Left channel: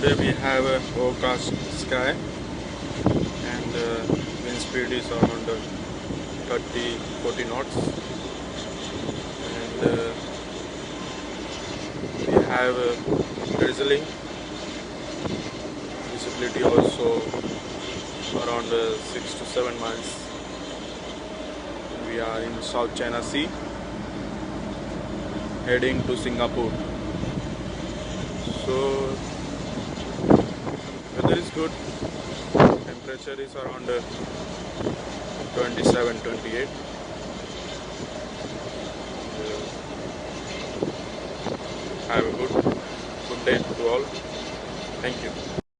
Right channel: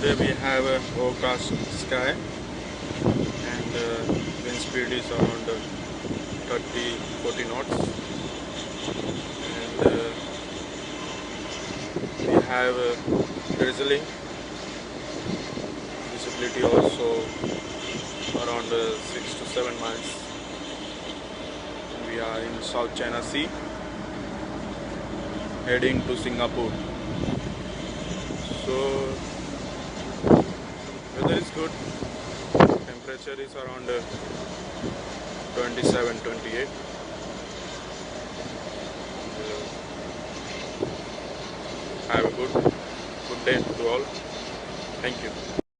Today we have a overcast sky and wind speed is around 30-40 knots, and we have drizzling, visibility also around 6 to 7 miles, and we are in South China Sea heading to Singapore. So weather is good, temperature is around 27-28. Have a good day to all. Thank you.